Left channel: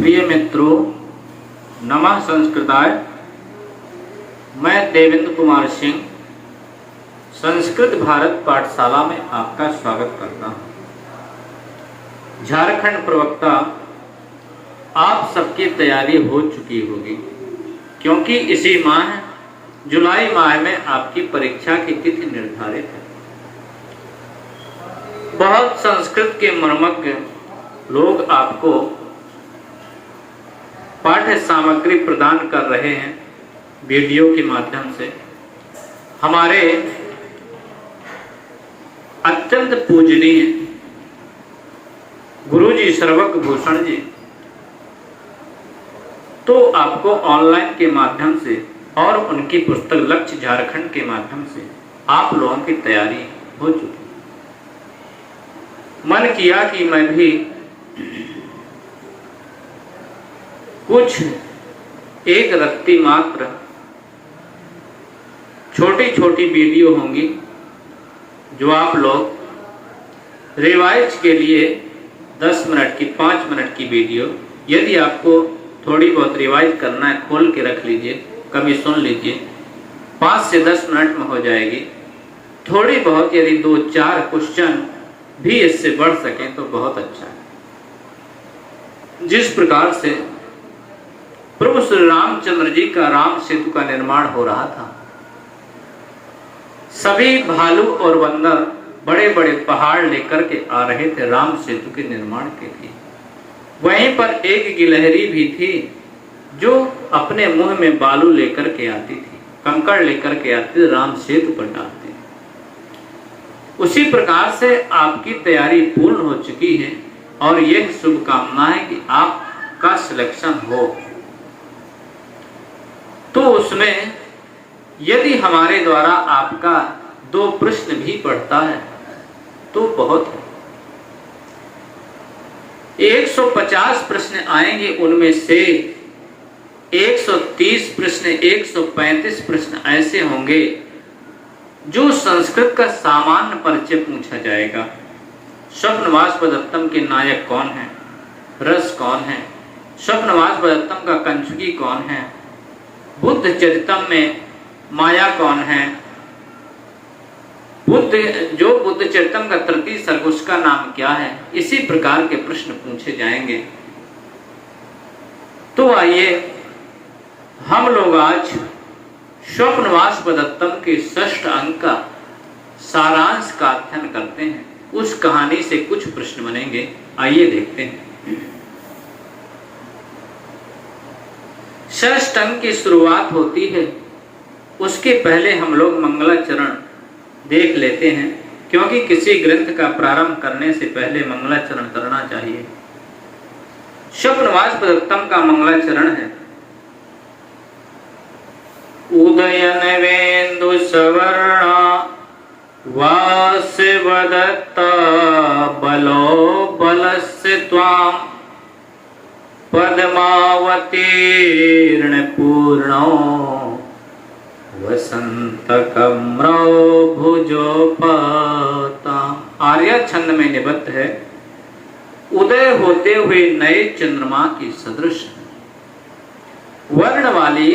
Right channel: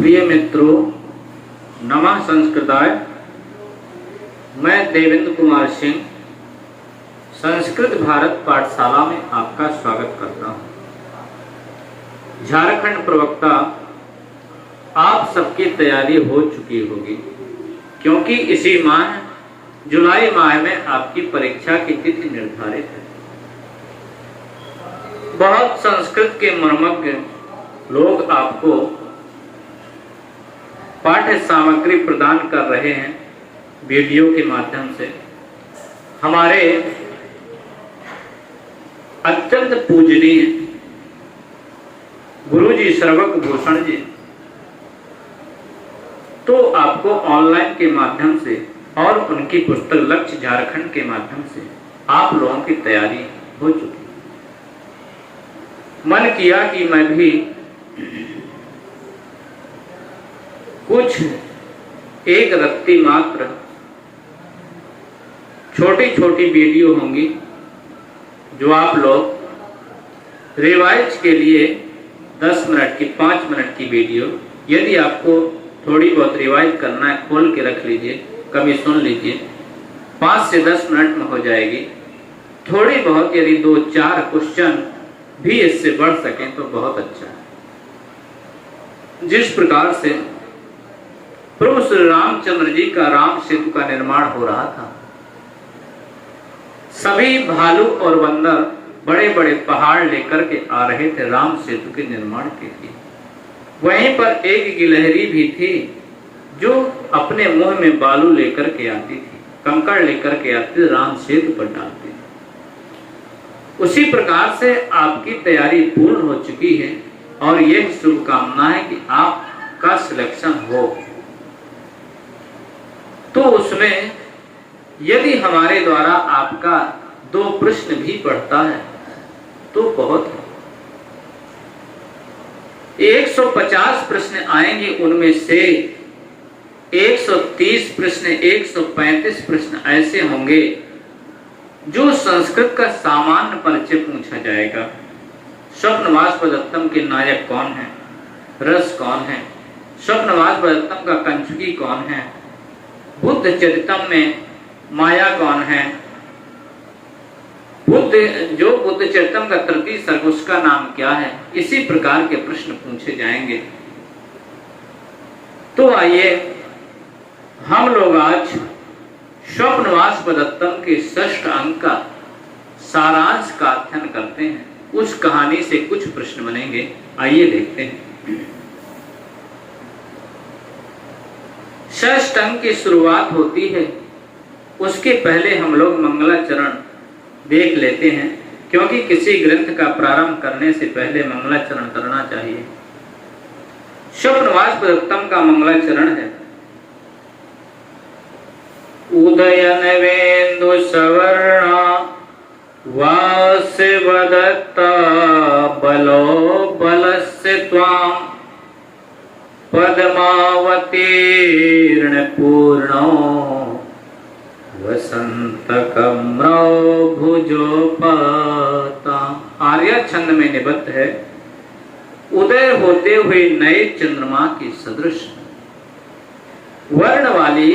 प्रिय मित्रों, नमः संस्कृताय। मैं देवेंद्र कुमार सिंह संस्कृत भारत पाठशाला में आपका स्वागत करता हूँ। झारखंड प्रवक्ता, आप सबकी तैयारी हो चुकी होगी, क्योंकि इसी माह जुलाई माह में आपकी परीक्षा की तिथि निर्धारित है। बहुत संस्कृत के मर्मज्ञ लोग आपको पाठ्य सामग्री प्रदान कर रहे हैं वीडियो के माध्यम से। हमारे अत्यंत पूजनीय गुरुजी सर्वक भूषण जी तो आपको ऑनलाइन के माध्यम से और उनकी पुस्तक लक्ष्य झारखंड के माध्यम से आप लोगों की तैयारी हो चुकी। मन किया कि मैं भी कुछ एक रत्ती मात्र छोटी छोटी वीडियो होंगी जो आप लोग रिवाइज के लिए 10 मिनट की 5 मिनट की वीडियो, यदि आपको थोड़ी बहुत रिवाइज करना है खोल के रख लीजिए, कभी सुन लीजिए, 5 से 10 मिनट में हो जाएगी। थोड़ी बहुत यदि 2-4 क्वेश्चन भी इससे बढ़ सकें तो बहुत अच्छा है। जिस प्रकार से प्रभु श्री रामचंद्र जी का राम सेतु का निर्माण हो रहा था, सभी भालू और बंदर बड़े बड़े पहाड़ लेकर के आ रहे थे राम सेतु के निर्माण के लिए। वहीं पर एक गिलहरी भी थी जो अपने मुंह में बालू लेकर के आती थी, कंकड़ लेकर के आती थी, राम सेतु पर डालती थी। उसी प्रकार से आपकी तैयारी पूर्ण हो चुकी है और यह शुभकामना है कि आपका सिलेक्शन हो। तो उसमें यदि हमारे द्वारा आपका 2 प्रश्न भी पढ़ता है तो बहुत है। 150 प्रश्न आएंगे, उनमें से 130 प्रश्न, 135 प्रश्न ऐसे होंगे जो संस्कृत का सामान्य परिचय पूछा जाएगा। स्वप्नवासवदत्तम के नायक कौन है, रस कौन है, स्वप्नवासवदत्तम का कंचुकी कौन है, बुद्ध चरितम में माया कौन है, बुद्ध चरितम का तृतीय सर्ग उसका नाम क्या है। इसी प्रकार के प्रश्न पूछे जाएंगे। तो आइए हम लोग आज स्वप्नवासवदत्तम के 6th अंक का सारांश का अध्ययन करते हैं। उस कहानी से कुछ प्रश्न बनेंगे, आइए देखते हैं। 6th अंक की शुरुआत होती है, उसके पहले हम लोग मंगलाचरण देख लेते हैं, क्योंकि किसी ग्रंथ का प्रारंभ करने से पहले मंगलाचरण करना चाहिए। स्वप्नवासवदत्तम का मंगलाचरण है। उदयन वेन्दु सवर्णा वासवदत्ता बलो बलस्य त्वां पद्मावतीर्ण पूर्णो वसंतकम्रो भुजोपता। आर्या छंद में निबद्ध है। उदय होते हुए नए चंद्रमा की सदृश वर्ण वाली,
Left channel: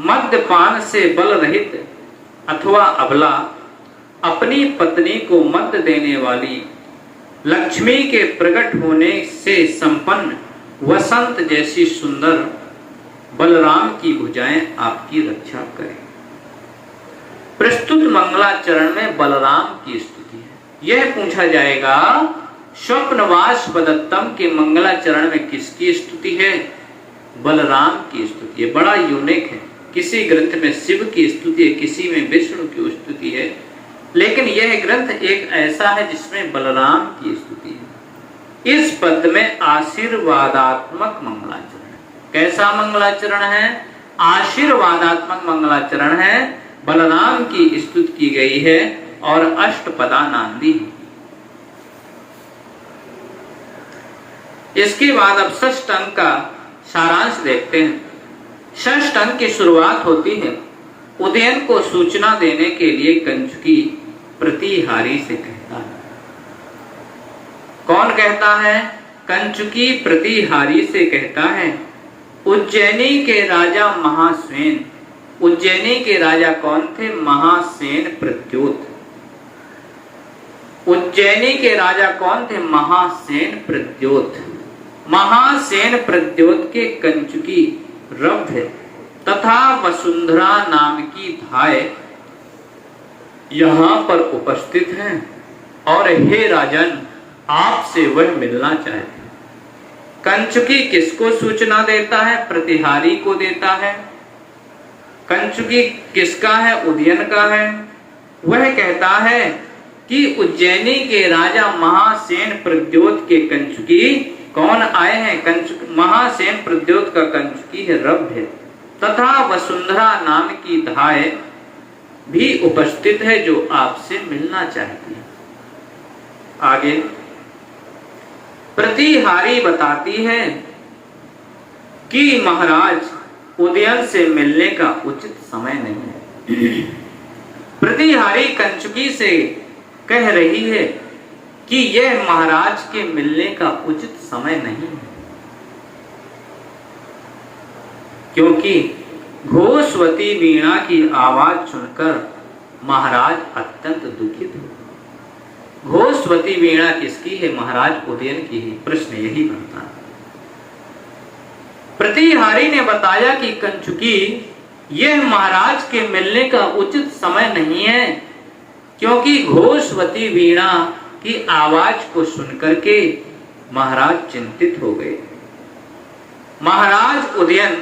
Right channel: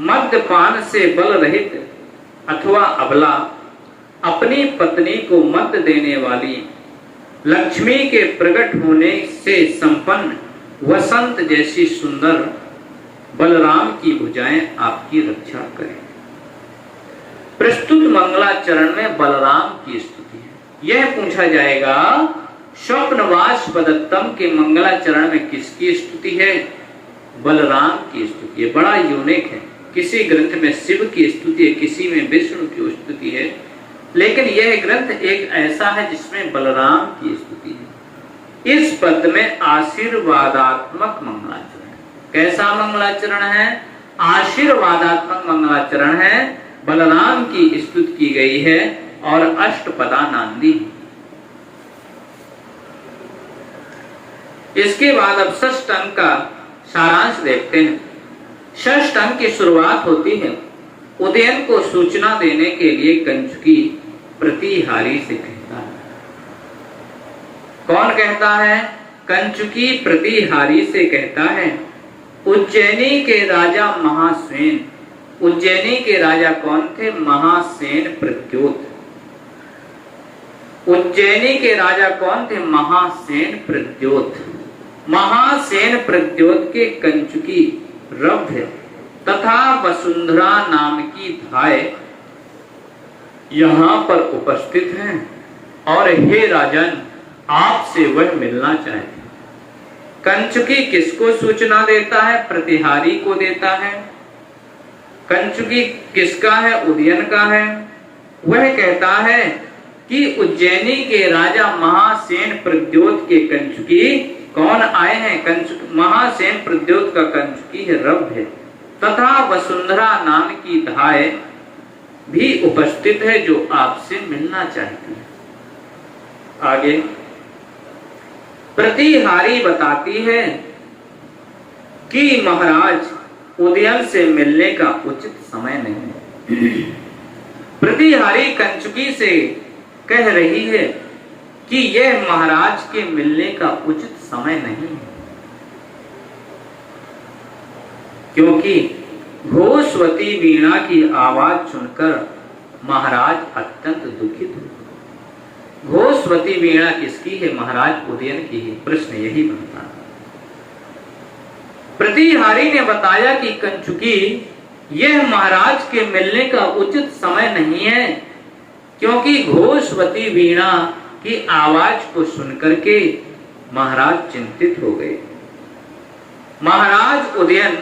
मद्यपान से बल रहित अथवा अबला, अपनी पत्नी को मद देने वाली, लक्ष्मी के प्रकट होने से संपन्न वसंत जैसी सुंदर बलराम की भुजाएं आपकी रक्षा करें। प्रस्तुत मंगलाचरण में बलराम की स्तुति है। यह पूछा जाएगा स्वप्नवासवदत्तम के मंगलाचरण में किसकी स्तुति है? बलराम की स्तुति है। बड़ा यूनिक है। किसी ग्रंथ में शिव की स्तुति है, किसी में विष्णु की स्तुति है, लेकिन यह ग्रंथ एक ऐसा है जिसमें बलराम की स्तुति है। इस पद में आशीर्वादात्मक मंगलाचरण है। कैसा मंगलाचरण है? आशीर्वादात्मक मंगलाचरण है। बलराम की स्तुति की गई है और अष्टपदा नांदी। इसके बाद अब 6th अंक का सारांश देखते हैं। 6th अंक की शुरुआत होती है। उदयन को सूचना देने के लिए कंचुकी प्रतिहारी से कहता है। कौन कहता है? कंचुकी प्रतिहारी से कहता है, उज्जैनी के राजा महासेन। उज्जैनी के राजा कौन थे? महासेन प्रद्योत। उज्जैनी के राजा कौन थे? महासेन प्रद्योत। महासेन प्रद्योत के कंचुकी रब्ध तथा वसुंधरा नाम की धाय यहां पर उपस्थित हैं और हे राजन, आपसे वह मिलना चाहते। कंचुकी किसको सूचना देता है? प्रतिहारी को देता है। कंचुकी किसका है? उदयन का है। वह कहता है कि उज्जैनी के राजा महासेन प्रद्योत के कंचुकी कौन आए हैं? महासेन प्रद्योत का कंचुकी है रब्ध है तथा वसुंधरा नाम की धाय भी उपस्थित है जो आपसे मिलना चाहती है। आगे प्रतिहारी बताती है कि महाराज उदयन से मिलने का उचित समय नहीं है। प्रतिहारी कंचुकी से कह रही है कि यह महाराज के मिलने का उचित समय नहीं है, क्योंकि घोषवती वीणा की आवाज सुनकर महाराज अत्यंत दुखित हुए। घोषवती वीणा किसकी है? महाराज उदयन की है। प्रश्न यही बनता है। प्रतिहारी ने बताया कि कंचुकी, यह महाराज के मिलने का उचित समय नहीं है, क्योंकि घोषवती वीणा की आवाज को सुनकर के महाराज चिंतित हो गए। महाराज उदयन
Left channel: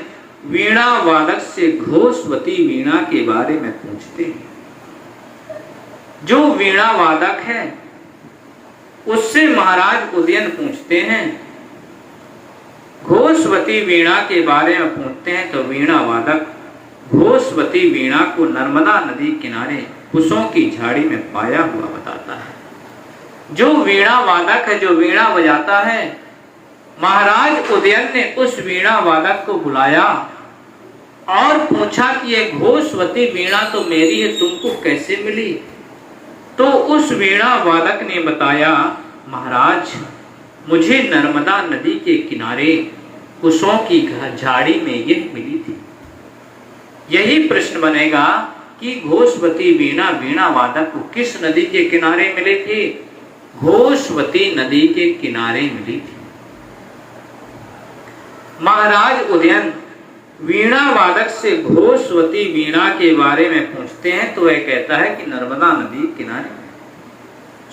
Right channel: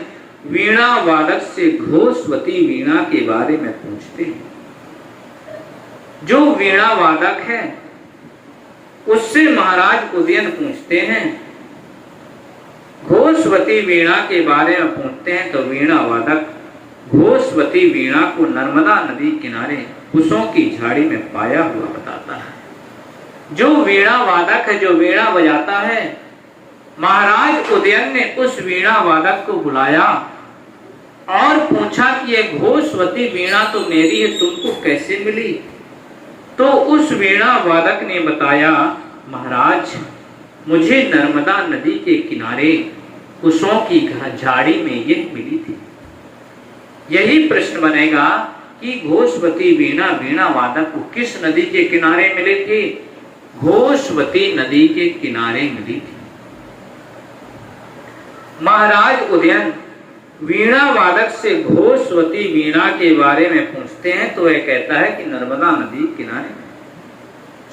वीणा वादक से घोषवती वीणा के बारे में पूछते हैं। जो वीणा वादक है उससे महाराज उदयन पूछते हैं, घोषवती वीणा के बारे में पूछते हैं तो वीणा वादक घोषवती वीणा को नर्मदा नदी किनारे कुशों की झाड़ी में पाया हुआ बताता है। जो वीणा वादक है, जो वीणा बजाता है, महाराज उदयन ने उस वीणा वादक को बुलाया और पूछा कि ये घोषवती वीणा तो मेरी है, तुमको कैसे मिली? तो उस वीणा वादक ने बताया, महाराज मुझे नर्मदा नदी के किनारे कुशों की झाड़ी में यह मिली थी। यही प्रश्न बनेगा कि घोषवती वीणा वीणा वादक को किस नदी के किनारे मिली थी? घोषवती नदी के किनारे मिली थी। महाराज उदयन वीणा वादक से घोषवती वीणा के बारे में पूछते हैं तो वह कहता है कि नर्मदा नदी किनारे।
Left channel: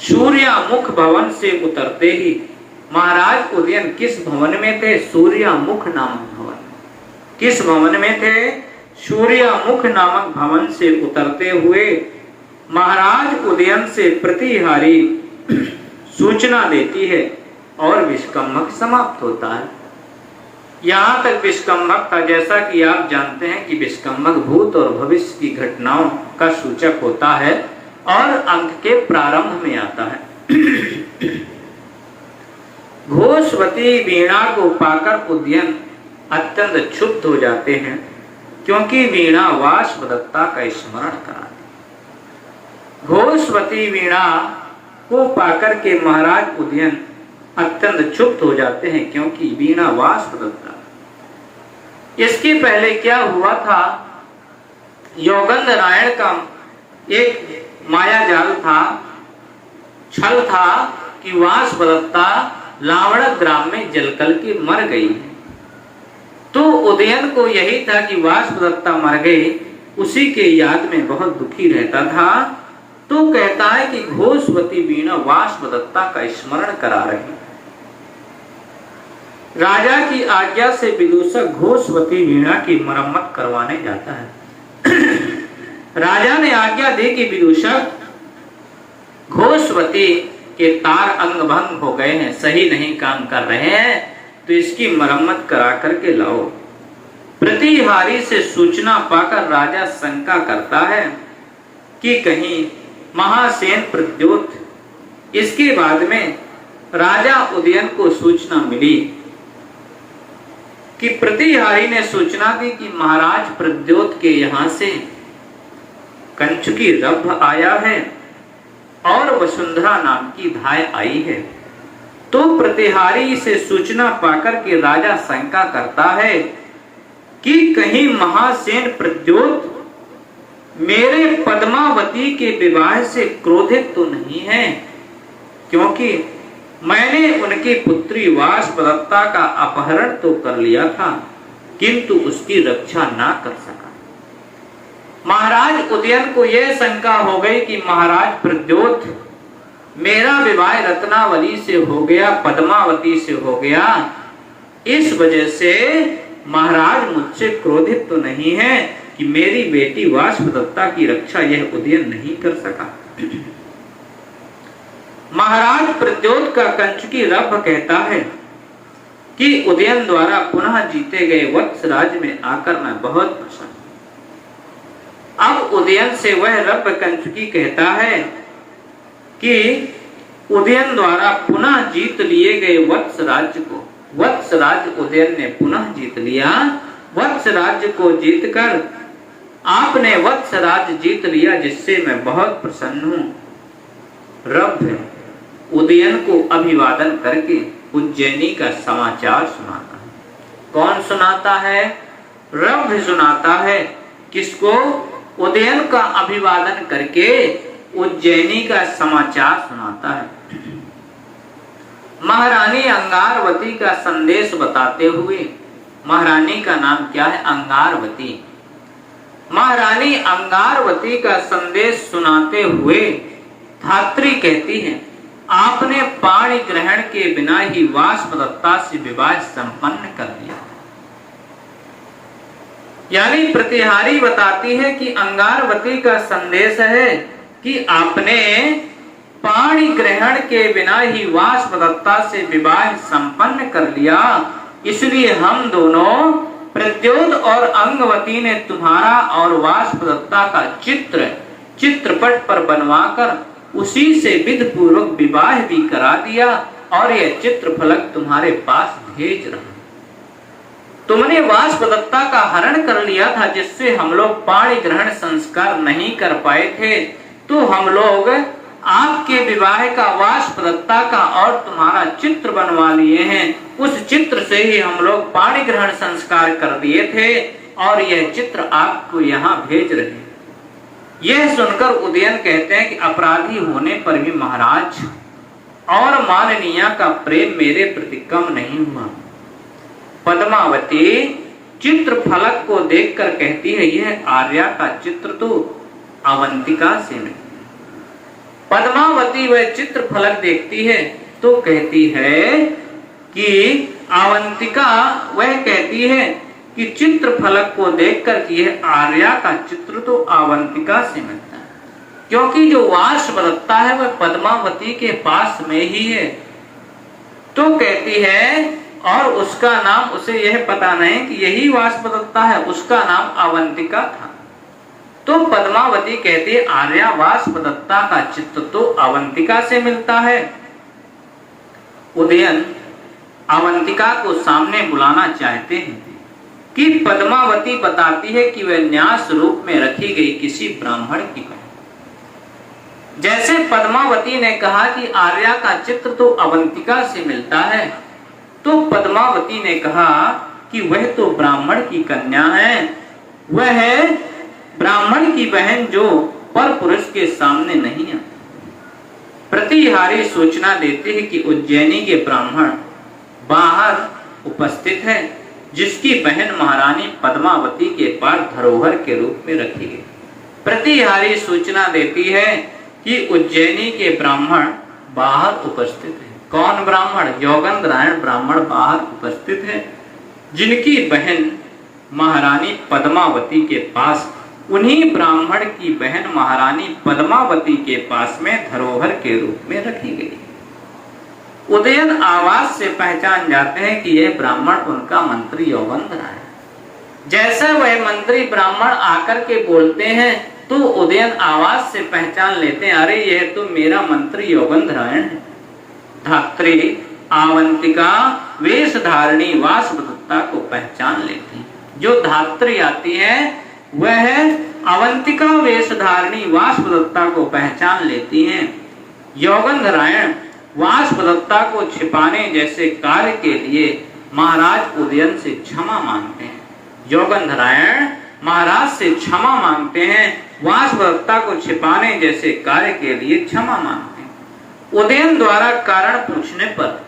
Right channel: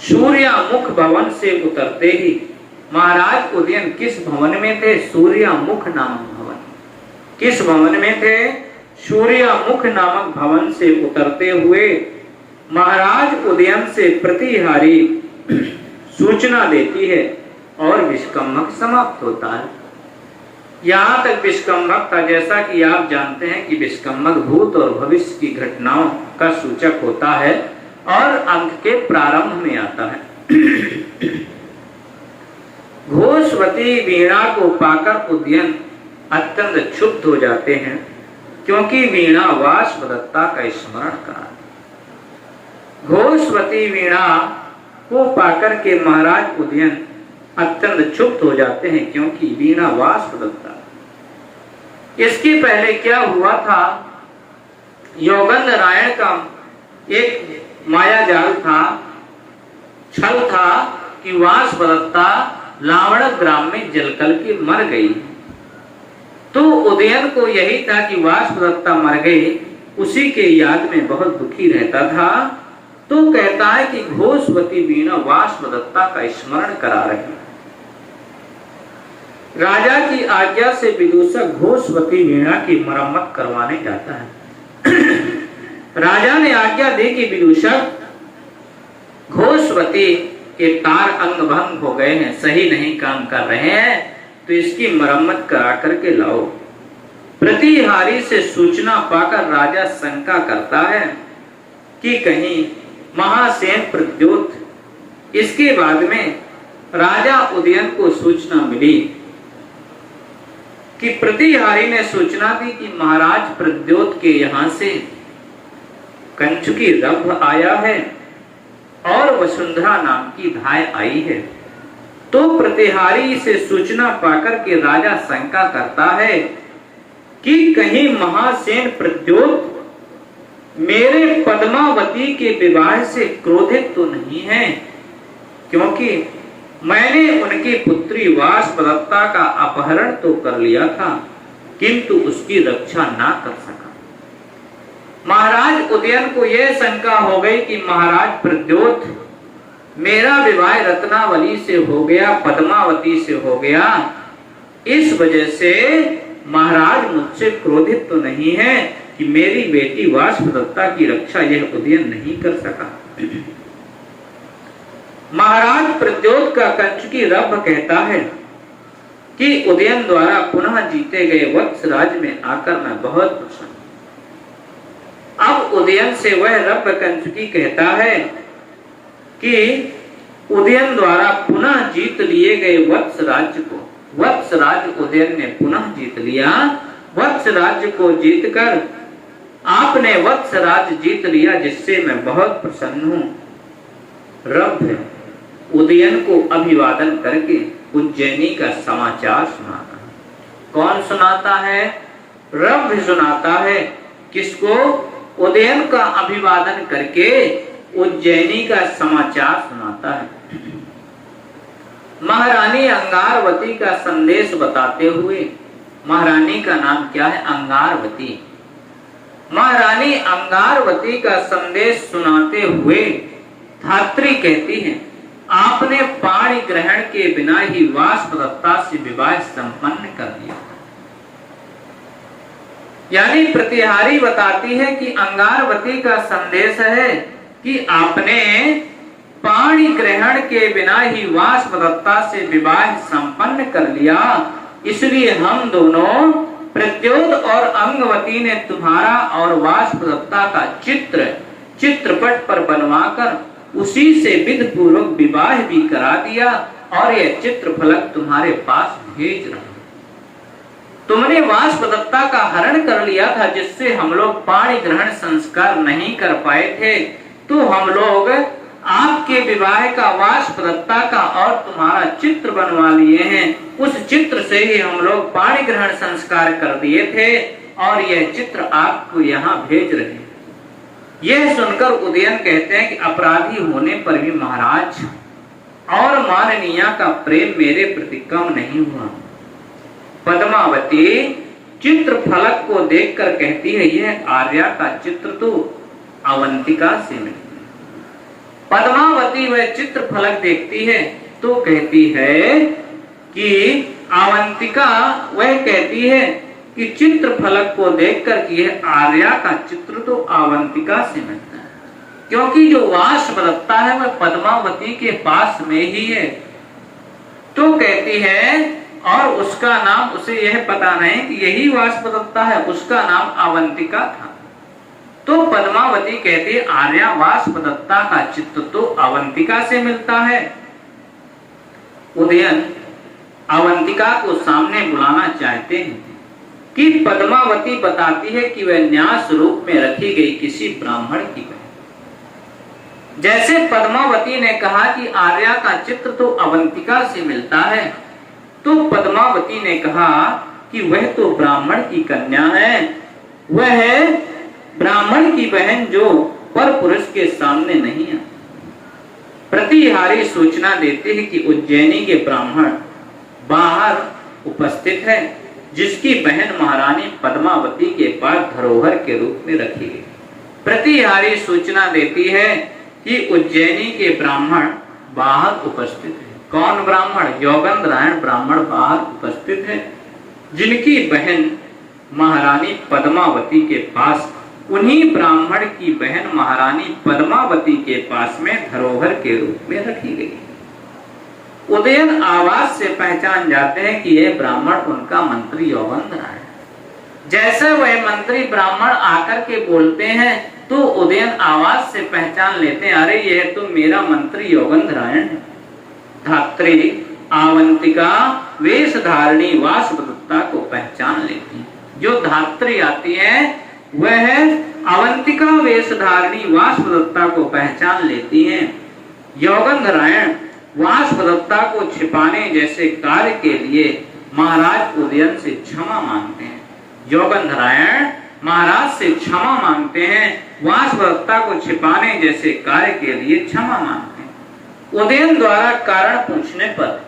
सूर्यामुख भवन से उतरते ही महाराज उदयन किस भवन में थे? सूर्यामुख नामक भवन। किस भवन में थे? सूर्यामुख नामक भवन से उतरते हुए महाराज उदयन से प्रतिहारी सूचना देती है और विष्कंभक समाप्त होता है। यहां तक विष्कंभक था। जैसा कि आप जानते हैं कि विष्कंभक भूत और भविष्य की घटनाओं का सूचक होता है और अंक के प्रारंभ में आता है। घोषवती वीणा को पाकर उदयन अत्यंत क्षुब्ध हो जाते हैं, क्योंकि वीणा वाष्पदत्ता का स्मरण करा। घोषवती वीणा को पाकर के महाराज उदयन अत्यंत क्षुब्ध हो जाते हैं, क्योंकि वीणा वाष्पदत्ता। इसके पहले क्या हुआ था? योगेंद्र नारायण का एक माया जाल था, छल था कि वाष्पदत्ता लावण ग्राम में जलकर के मर गई। तो उदयन को यही था कि वाष्पदत्ता मर गई, उसी के याद में बहुत दुखी रहता था। तो कहता है कि घोषवती वीणा वाष्पदत्ता का स्मरण करा रही। राजा की आज्ञा से विदूषक घोषवती वीणा की मरम्मत करवाने जाता है। राजा ने आज्ञा दी कि विदूषक, घोषवती के तार अंग भंग हो गए हैं, सही नहीं काम कर रहे हैं, तो इसकी मरम्मत करा करके लाओ। प्रतिहारी से सूचना पाकर राजा शंका करता है कि कहीं महासेन प्रद्योत। इसके बाद में राजा उदयन को सूचना मिली कि प्रतिहारी ने सूचना दी कि महाराज प्रद्योत के यहां से कंचुकी रब्ध आया है और वसुंधरा नाम की धाय आई है। तो प्रतिहारी से सूचना पाकर के राजा शंका करता है कि कहीं महासेन प्रद्योत मेरे पद्मावती के विवाह से क्रोधित तो नहीं है, क्योंकि मैंने उनकी पुत्री वाष्पदत्ता का अपहरण तो कर लिया था, किंतु उसकी रक्षा ना कर सका। महाराज उदयन को यह शंका हो गई कि महाराज प्रद्योत मेरा विवाह रत्नावली से हो गया, पद्मावती से हो गया, इस वजह से महाराज मुझसे क्रोधित तो नहीं है कि मेरी बेटी वाष्पदत्ता की रक्षा यह उदयन नहीं कर सका। महाराज प्रद्योत का कंचुकी रभ कहता है कि उदयन द्वारा पुनः जीते गए वत्स राज्य में आकर मैं बहुत प्रसन्न। अब उदयन से वह रभ कंचुकी कहता है कि उदयन द्वारा पुनः जीत लिए गए वत्स राज्य को, वत्स राज्य उदयन ने पुनः जीत लिया। वत्स राज्य को जीतकर आपने वत्स राज्य जीत लिया, जिससे मैं बहुत प्रसन्न हूं। रभ उदयन को अभिवादन करके उज्जैनी का समाचार सुनाता है। कौन सुनाता है? रभ सुनाता है। किसको? उदयन का अभिवादन करके उज्जैनी का समाचार सुनाता है। महारानी अंगारवती का संदेश बताते हुए, महारानी का नाम क्या है? अंगारवती। महारानी अंगारवती का संदेश सुनाते हुए धात्री कहती है, आपने पाणी ग्रहण के बिना ही वाष्पदत्ता से विवाह संपन्न कर दिया। यानी प्रतिहारी बताती है कि अंगारवती का संदेश है कि आपने पाणी ग्रहण के बिना ही वाष्पदत्ता से विवाह संपन्न कर लिया, इसलिए हम दोनों प्रद्योत और अंगवती ने तुम्हारा और वाष्पदत्ता का चित्रपट पर बनवाकर उसी से विधि पूर्वक विवाह भी करा दिया और यह चित्रफलक तुम्हारे पास भेज रहा। तुमने वाष्पदत्ता का हरण कर लिया था, जिससे हम लोग पाणी ग्रहण संस्कार नहीं कर पाए थे, तो हम लोग आपके विवाह का, वाष्पदत्ता का और तुम्हारा चित्र बनवा लिए हैं। उस चित्र से ही हम लोग पाणी ग्रहण संस्कार कर दिए थे और यह चित्र आपको यहाँ भेज रहे हैं। यह सुनकर उदयन कहते हैं कि अपराधी होने पर भी महाराज और माननीया का प्रेम मेरे प्रति कम नहीं हुआ। पद्मावती चित्र फलक को देखकर कहती है, यह आर्या का चित्र तो अवंतिका से नहीं। पद्मावती वह चित्र फलक देखती है तो कहती है कि अवंतिका वह कहती है कि चित्र फलक को देखकर कि यह आर्या का चित्र तो अवंतिका से मिलता है, क्योंकि जो वाष्पदत्ता है वह पद्मावती के पास में ही है। तो कहती है, और उसका नाम, उसे यह पता नहीं कि यही वाष्पदत्ता है, उसका नाम अवंतिका था। तो पद्मावती कहती है, आर्या वाष्पदत्ता का चित्र तो अवंतिका से मिलता है। उदयन अवंतिका को सामने बुलाना चाहते हैं कि पद्मावती बताती है कि वह न्यास रूप में रखी गई किसी ब्राह्मण की बहन। जैसे पद्मावती ने कहा कि आर्या का चित्र तो अवंतिका से मिलता है, तो पद्मावती ने कहा कि वह तो ब्राह्मण की कन्या है, वह है ब्राह्मण की बहन जो पर पुरुष के सामने नहीं है। प्रतिहारी सूचना देते हैं कि उज्जैनी के ब्राह्मण बाहर उपस्थित है, जिसकी बहन महारानी पद्मावती के पास धरोहर के रूप में रखी है। प्रतिहारी सूचना देती है कि उज्जैनी के ब्राह्मण बाहर उपस्थित है। कौन ब्राह्मण? योगेंद्रायण ब्राह्मण बाहर उपस्थित है, जिनकी बहन महारानी पद्मावती के पास, उन्हीं ब्राह्मण की बहन महारानी पद्मावती के पास में धरोहर के रूप में रखी गई। उदयन आवाज से पहचान जाते हैं कि यह ब्राह्मण उनका मंत्री योगेंद्रायण। जैसे वह मंत्री ब्राह्मण आकर के बोलते हैं तो उदयन आवाज से पहचान लेते हैं, अरे यह तो मेरा मंत्री योगेंद्रायण है। धात्री आवंतिका वेशधारिणी वाष्पदत्ता को पहचान लेती है। जो धात्री आती है वह अवंतिका वेशधारिणी वाष्पदत्ता को पहचान लेती है। योगेंद्रायण वाष्पदत्ता को छिपाने जैसे कार्य के लिए महाराज उदयन से क्षमा मांगते हैं। योगंधरायण महाराज से क्षमा मांगते हैं, वाष्पदत्ता को छिपाने जैसे कार्य के लिए क्षमा मांगते हैं। उदयन द्वारा कारण पूछने पर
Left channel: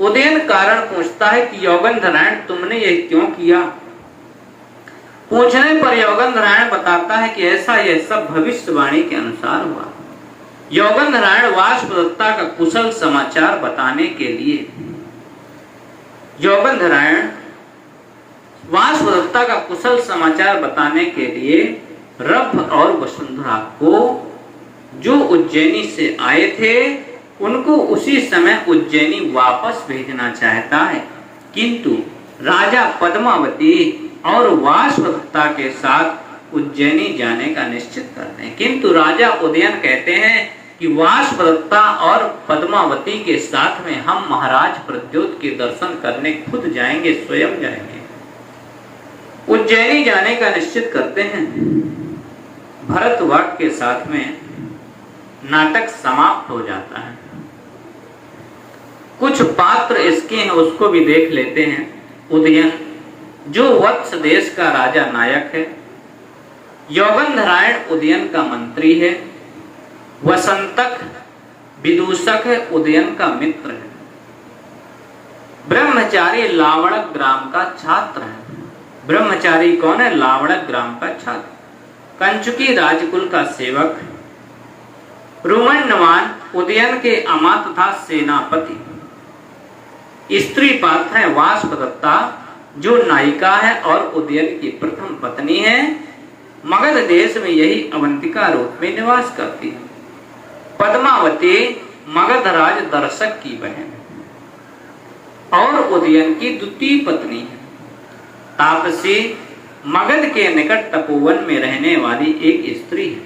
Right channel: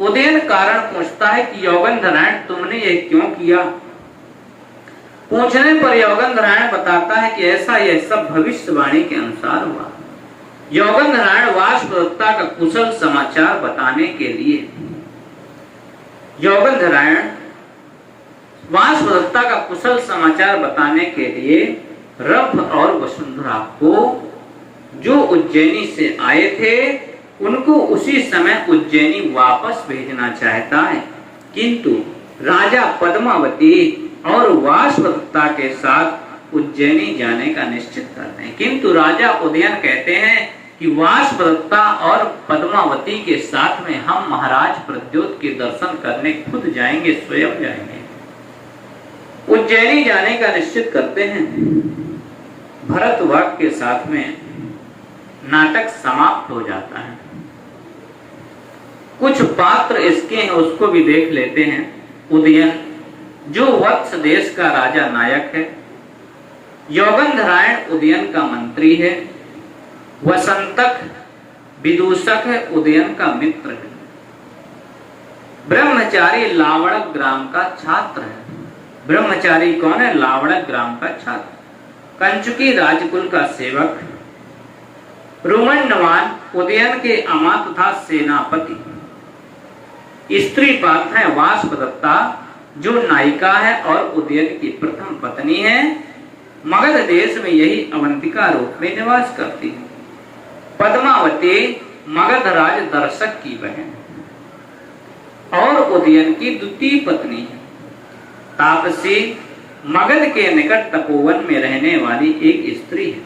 उदयन कारण पूछता है कि योगंधरायण तुमने ये क्यों किया। पूछने पर योगंधरायण बताता है कि ऐसा यह सब भविष्यवाणी के अनुसार हुआ। योगंधरायण वाष्पदत्ता का कुशल समाचार बताने के लिए योगंधरायण वाष्पदत्ता का कुशल समाचार बताने के लिए रभ और वसुंधरा को जो उज्जैनी से आए थे उनको उसी समय उज्जैनी वापस भेजना चाहता है, किंतु राजा पद्मावती और वाष्पदत्ता के साथ उज्जैनी जाने का निश्चित करते हैं। किंतु राजा उदयन कहते हैं कि वाष्पदत्ता और पद्मावती के साथ में हम महाराज प्रद्योत के दर्शन करने खुद जाएंगे, स्वयं जाएंगे। उज्जैनी जाने का निश्चित करते हैं। भरतवाक के साथ में नाटक समाप्त हो जाता है। कुछ पात्र इसके हैं उसको भी देख लेते हैं। उदयन जो वत्स देश का राजा नायक है, योगंधरायण उदयन का मंत्री है, वसंतक विदूषक है, उदयन का मित्र है, ब्रह्मचारी लावणक ग्राम का छात्र है। ब्रह्मचारी कौन है? लावणक ग्राम का छात्र, कंचुकी राजकुल का सेवक, रुमन्यवान उदयन के अमात तथा सेनापति। स्त्री पात्र है वाष्पदत्ता जो नायिका है और उदयन की प्रथम पत्नी है। मगध देश में यही अवंतिका रूप में निवास करती है। पद्मावती मगध राज दर्शक की बहन और उदयन की द्वितीय पत्नी है। तापसी मगध के निकट तपोवन में रहने वाली एक स्त्री है।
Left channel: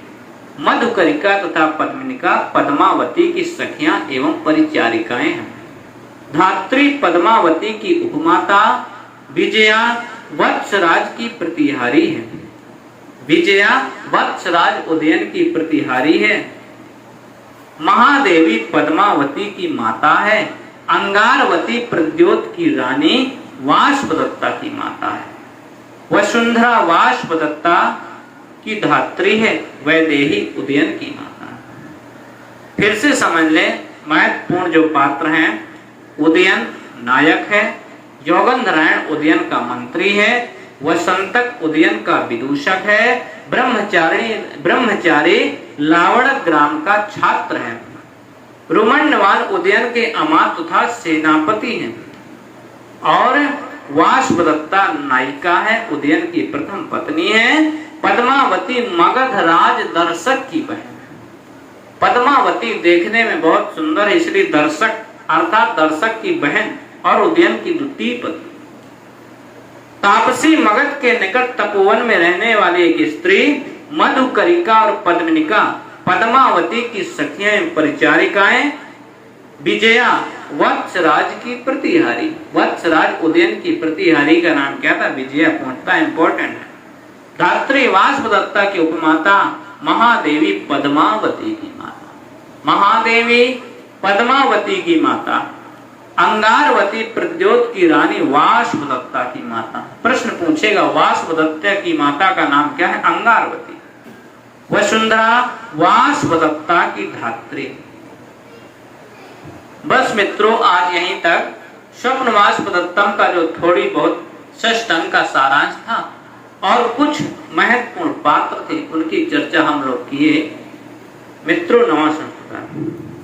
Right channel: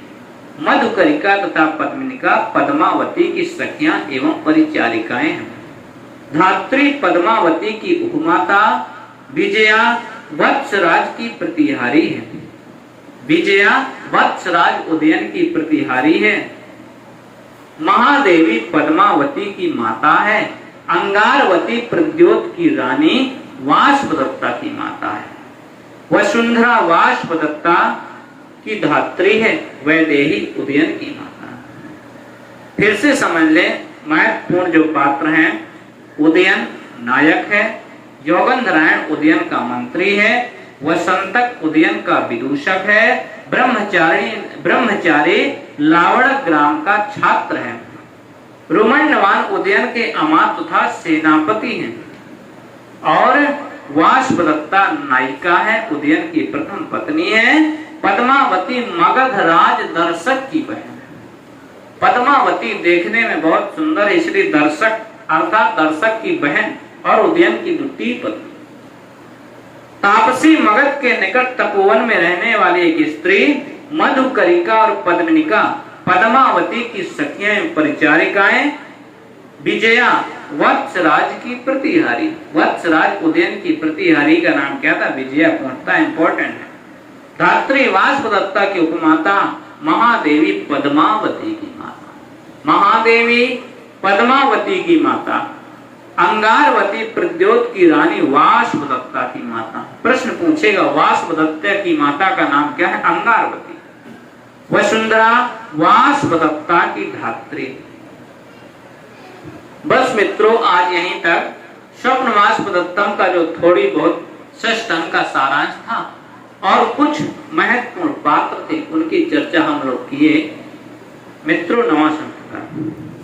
मधुकरिका तथा पद्मिनिका पद्मावती की सखियां एवं परिचारिकाएं हैं। धात्री पद्मावती की उपमाता विजया वत्सराज की प्रतिहारी है। विजया वत्सराज उदयन की प्रतिहारी है। महादेवी पद्मावती की माता है। अंगारवती प्रद्योत की रानी वाष्पदत्ता की माता है। वसुंधरा वाष्पदत्ता की धात्री है। वैदेही उदयन की माता। फिर से समझ ले, महत्वपूर्ण जो पात्र हैं, उदयन नायक है, योगंधरायण उदयन का मंत्री है, वसंतक उदयन का विदूषक है, ब्रह्मचारी लावणक ग्राम का छात्र है, रुमन्यवान उदयन के अमात तथा सेनापति हैं और वाष्पदत्ता नायिका है, उदयन की प्रथम पत्नी है। पद्मावती मगध राज दर्शक की बहन है। पद्मावती देखने में बहुत सुंदर है, इसलिए दर्शक अर्थात दर्शक की बहन और उदयन की द्वितीय पत्नी। तापसी मगध के निकट तपोवन में रहने वाली एक स्त्री, मधुकरिका और पद्मिनिका पद्मावती की सखियां परिचारिकाएं, विजया वत्सराज की प्रतिहारी। वत्सराज उदयन की प्रतिहारी का नाम क्या था? विजया। पहुंचता इंपॉर्टेंट है। धात्री वाष्पदत्ता की उपमाता महादेवी पद्मावती की माता। महादेवी पद्मावती की माता। अंगारवती प्रद्योत की रानी वाष्पदत्ता की माता। प्रश्न पूछेगा, वाष्पदत्ता की माता का नाम क्या है? अंगारवती। वसुंधरा वाष्पदत्ता की धात्री। बस मित्रों, आज यहीं तक स्वप्न वाष्पदत्तम का जो थोड़ी बहुत षष्ठ अंक का सारांश था और कुछ महत्वपूर्ण पात्र थे, उनकी चर्चा हम लोग किए। मित्रों नमस्कार।